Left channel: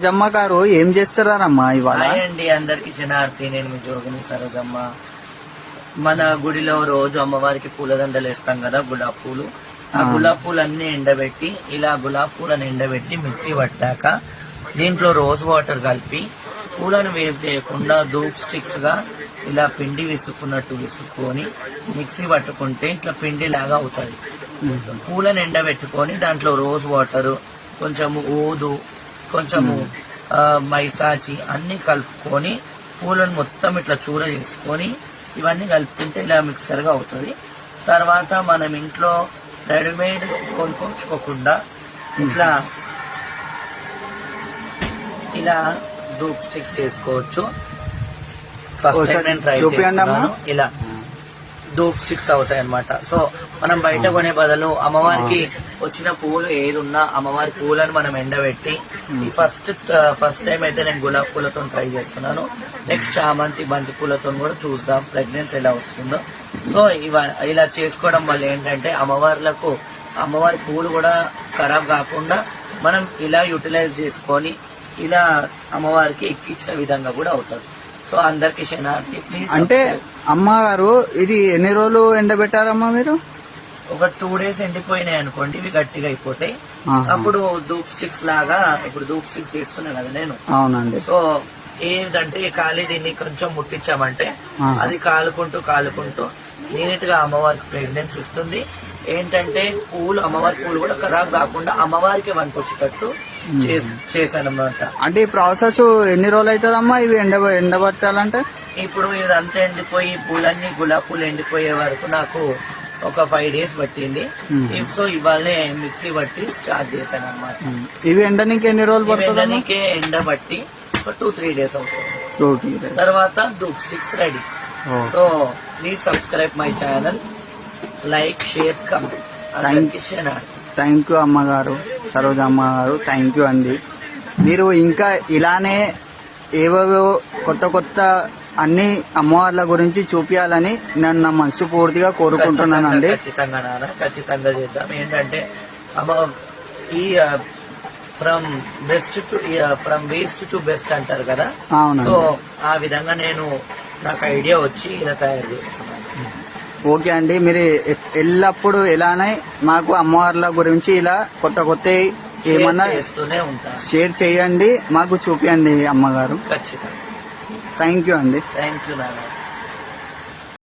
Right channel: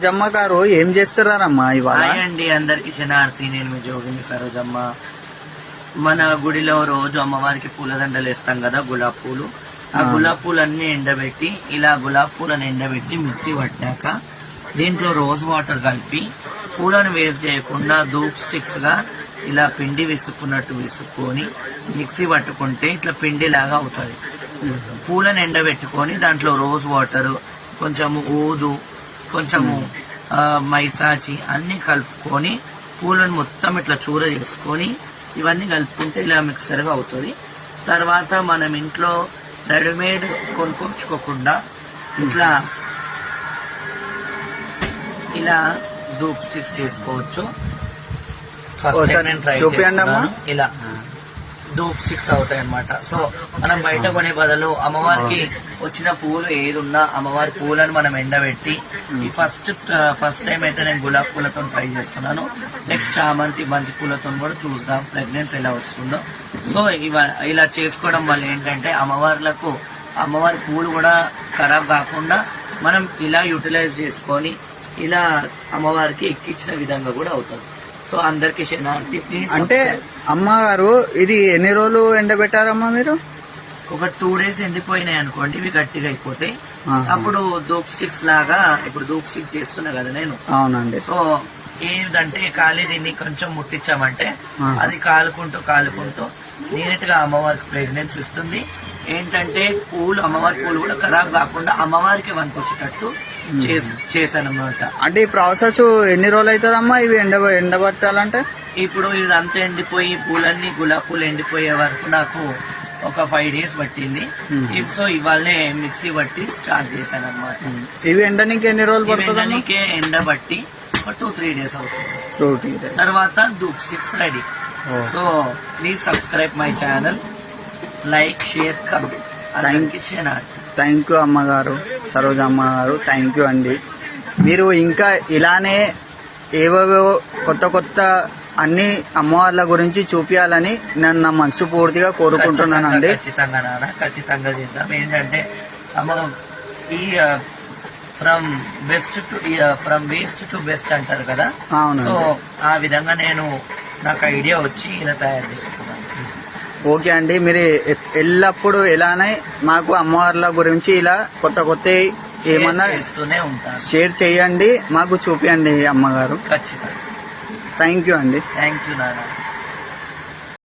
సరోజమ్మ గారు ఏం చేస్తున్నారమ్మా ఇవాళ? అండి అందరికి శనార్థి. నేను మీ జోగిని సరోజమ్మ. మన గుడిలో రోజు అమ్మవారికి పూలదండలు వేస్తాం కదా, గులాబ్ పూలు. ఆ గులాబ్ పూలన్నీ ఎండబెట్టి, ఇలా గులాబ్ పూలను ఎండబెట్టి మిక్సీ పట్టాక దీంట్లో రోజ్ వాటర్ కలిపి పూలను వేరు చేయకుండా ధూప్ స్టిక్స్ గా ఇలా పిండి విసుక్కున్నట్టు విసుక్కొని మిక్సీ పట్టుకుంటే ఇట్లా పిండి లాగా అవుతుంది. పూలను ఎండబెట్టుకొని దాంట్లో రోజ్ వాటర్, కొంచెము ఊదు, కొంచెము మైసాచి అన్ని కలుపుకొని పూలను మొత్తం ఇట్లా చూర చేసుకొని ఇవన్నీ కలుపుకుంటే ఇలా మిక్సర్ గా అవుతుంది. తర్వాత మనం ఇంట్లో రెడీమేడ్ కొనుక్కోకుండా ఇట్లా ఇలా ధూప్ స్టిక్స్ చేసుకోవచ్చు. ఫస్ట్ నేను ట్రై చేస్తున్నాను. ఇలా ధూప్ స్టిక్స్ అవుతాయి అన్నమాట. సో మనం బయట కొనే బదులు అమ్మవారికి వచ్చిన పూలు ఏదున్నా అమ్మవారి పూలను మనం ఎండబెట్టి, ఫస్ట్ టైం అయితే నేను గులాబ్ పూలతో ట్రై చేస్తున్నాను. నెక్స్ట్ చామంతి, బంతి పూలతో కూడా చూద్దాం ప్రెగ్నెన్సీ ఎలా వస్తుందో. సో ఇలా చేసుకోవడం వల్ల ఏంటంటే అమ్మవారి పూలు కూడా ఖరాబ్ కాకుండా మనం ఇలా యూటిలైజ్ చేసుకొని ఇలా అమ్మవారికి ఎక్కించిన విధంగా కూడా అవుతుంది. సో అందరికి శనార్థి. అంటే అమ్మగారు ఇది ఎన్ని రోజులు ఎండబెట్టారమ్మా మీరు? ఒక 2 days ఎండిపోయినాయి అనుకోండి, ఇవి గట్టిగా అయిపోతాయి. అప్పుడు ధూప్ స్టిక్స్ లాగా, ఇప్పుడు ధూప్ స్టిక్స్ చేస్తున్నా కదా నేను. అవునండి. సో ఏంటంటే ఖాళీ దీన్ని కొంచెం ముట్టించామంటే అది కాలుకుంటూ నీట్ గా అమ్మవారికి ఫ్రేగ్రెన్స్ ఇస్తుంది. ఏంటంటే అమ్మవారి పూలు కూడా ఖరాబ్ కాకుండా అమ్మవారికి వచ్చేటట్టు చేశానమాట. అంటే ఈ ప్రాసెస్ ఎన్ని రోజులు అవుతుందమ్మా ఇవి ఎండబట్టాలంటే? ఇప్పుడు ఇదంతా ఎండిపోయి పూలన్నీ గులాబ్ పూలు ఎండిపోయే వరకు నాకు ఒక 5 days పట్టింది. సో ఇవాళనే మిక్సీ బట్టి స్టార్ట్ చేశాను అనమాట. ఇవి ఎండనికి ఎన్ని రోజులు పడుతుంది? ఎండబట్టి ఒక 2-3 days అవుతుంది. తర్వాత dhoop sticks ready. So please subscribe my channel, like, share, comment. Thank you అమ్మగారు, సరోజమ్మ గారు. థ్యాంక్ యూ అండి. మీరు ఇంకా ఇలానే ఏవేవో కొత్త అన్ని అమ్మవార్ల గురించి చూపించాలని నేను నా మనసు పూర్తిగా కోరుకుంటున్నానండి. ఖచ్చితంగా చేద్దాం. ఏంటంటే ఈ ఫ్రమ్ వేస్ట్ టు బెస్ట్ అంటారు కదా. సో ఆ విధంగా నాకు ఐడియా వచ్చి ఇలా తయారు చేస్తున్నాను. ఓకే అండి, మీరు ఎల్లప్పుడూ ఇలానే మాకు అమ్మవార్ల గురించి ఇలా కొత్త ఏమన్నా షేర్ చేయండి, మాకు చూపించండి అమ్మగారు. ఖచ్చితంగా. థ్యాంక్ యూ అండి. థ్యాంక్ యూ నాన్న.